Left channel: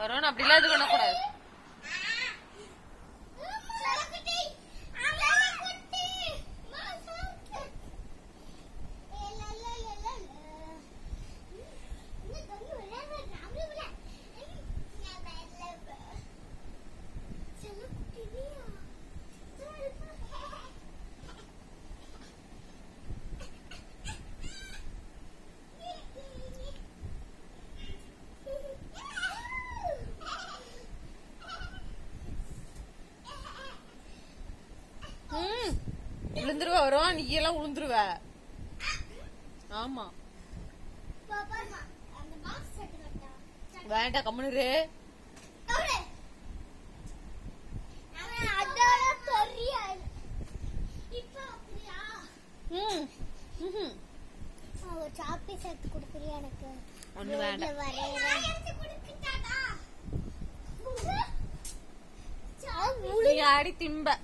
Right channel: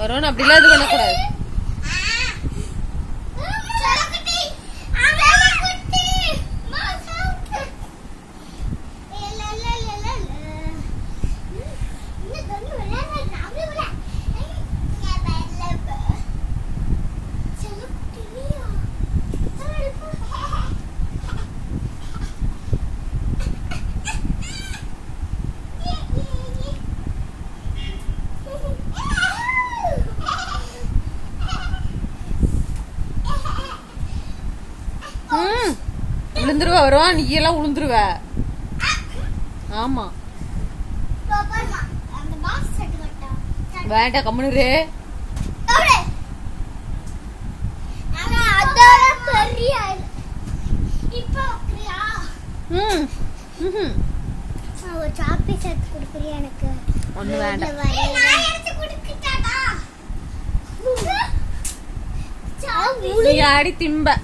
வருவான் அப்படிலாம் இது பண்ணக்கூடாது. விழுந்துருவ வருவான், நீ எல்லாம் விழுந்துருவ. ஆமா வேண்டாம் கம்முனு. ஒண்ணு வேண்டாம். நீ ஆடி திம்ப.